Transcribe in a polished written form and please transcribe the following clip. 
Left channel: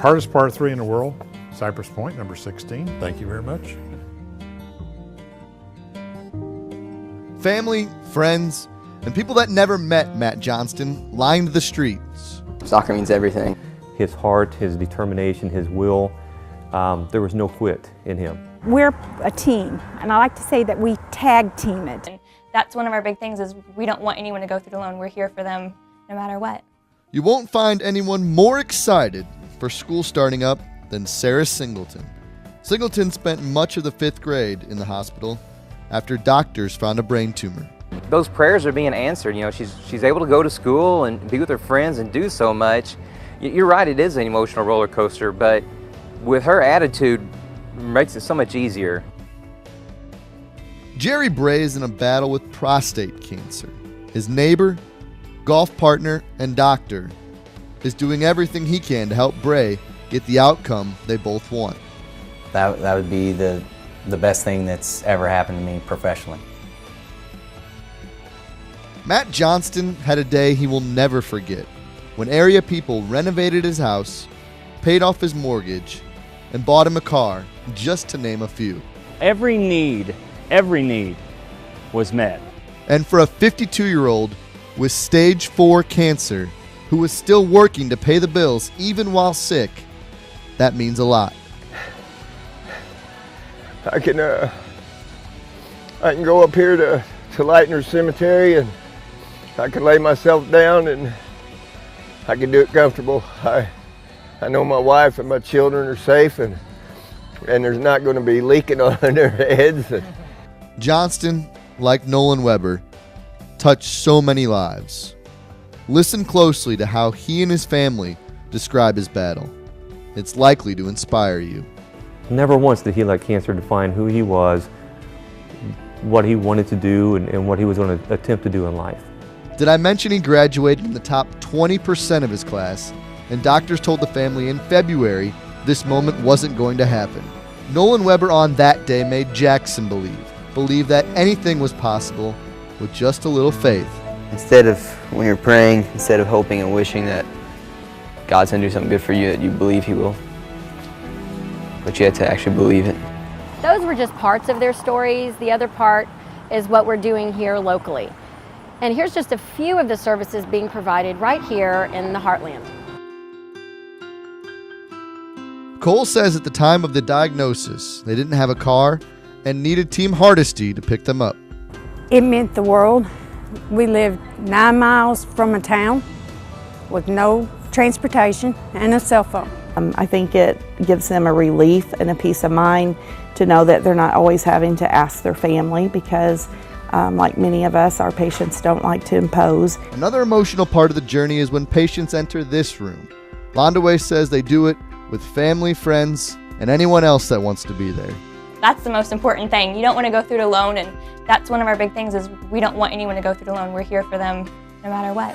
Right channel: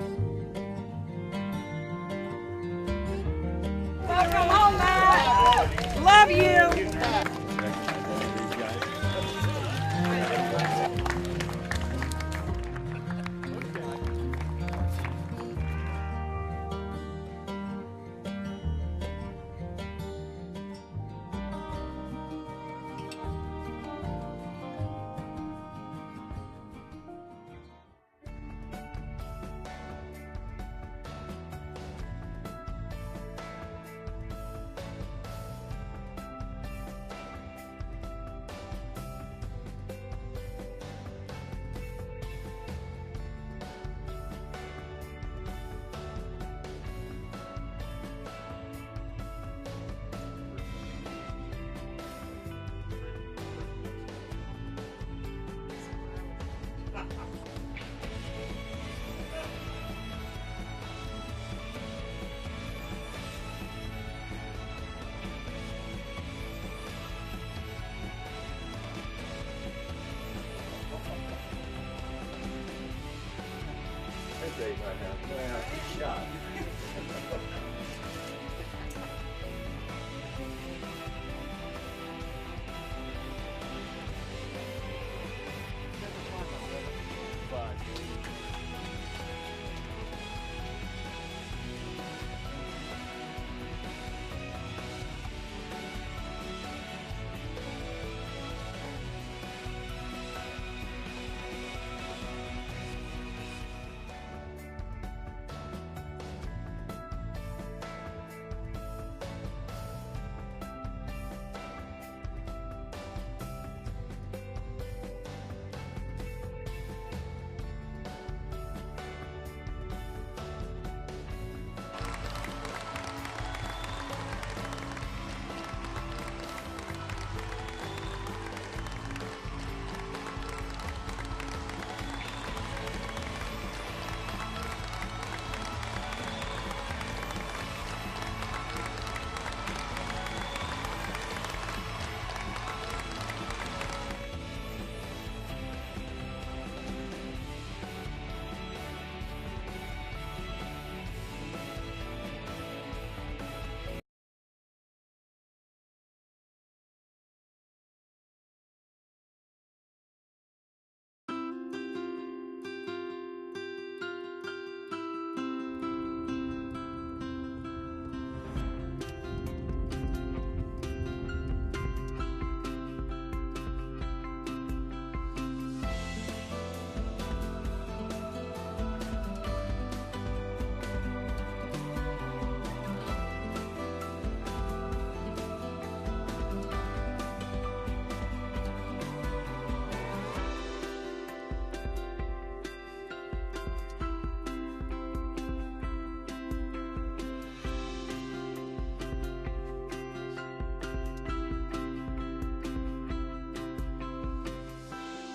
Hardest par 3 in the world, Cypress Point, number 16. Thank you very much. Welcome home, Matt. Love you. Family, friends, and people that never met Matt Johnston lined the streets. Soccer means everything. His heart, his determination, his will, there was no quit in him. We're a team, and I like to say that we tag team it. That's one of our big things is we don't want anyone to go through it alone. We're here for them no matter what. You won't find anyone more excited for school starting up than Sarah Singleton. Singleton spent much of the 5th grade in the hospital after doctors found a brain tumor. Those prayers are being answered. You know, she's able to go to school and be with her friends and do so much. You're right, it is an emotional roller coaster, but with her attitude, it makes it so much easier. Jerry Bray is in a battle with prostate cancer. His neighbor, golf partner, and doctor is doing everything he can to help Bray get the outcome they both want. That would be the best thing that's ever happened to me professionally. Matt Johnston had a day he will never forget when area people renovated his house, paid off his mortgage, and bought him a car, just to name a few. Every need was met. And for a 52-year-old with stage 4 cancer who was still working to pay the bills even while sick, that means a lot. I can go up here to Lightner Cemetery and I can lay myself down and I can do it comfortable. I know my wife and my children are safe and there's not going to be leaking on their heads. Johnston, like Nolan Weber, touched so many lives. Listen closely to how he and his family describe his battle. It's likely to inspire you. Never once did he let cancer define who he was, what he wanted to do, and what he was going to attempt to do in life. Did I mention he graduated in the top 20% of his class, and doctors told the family in February this moment wasn't going to happen? Nolan Weber on that day made Jackson believe that anything was possible with just a little faith. Instead of, when you're praying, instead of hoping and wishing that God's going to do something good for you, that you believe He will. But you have to actually believe it. Those were just parts of their stories. The other part is what we're doing here locally. And here's just a few of the services being provided right here in the Heartland. Cole says at the time of the diagnosis, they didn't have a car and needed Team Hardesty to pick them up. It meant the world. We lived 9 miles from a town with no transportation and a cell phone. I think it gives them a relief and a peace of mind to know that they're not always having to ask their family because like many of us, our patients don't like to impose. Another emotional part of the journey is when patients enter this room. Londaway says they do it with family, friends, and anyone else that wants to be there. That's the most important thing. You don't want to go through it alone, and that's one of our big things is we don't want anyone to go through it alone. We're here for them no matter what.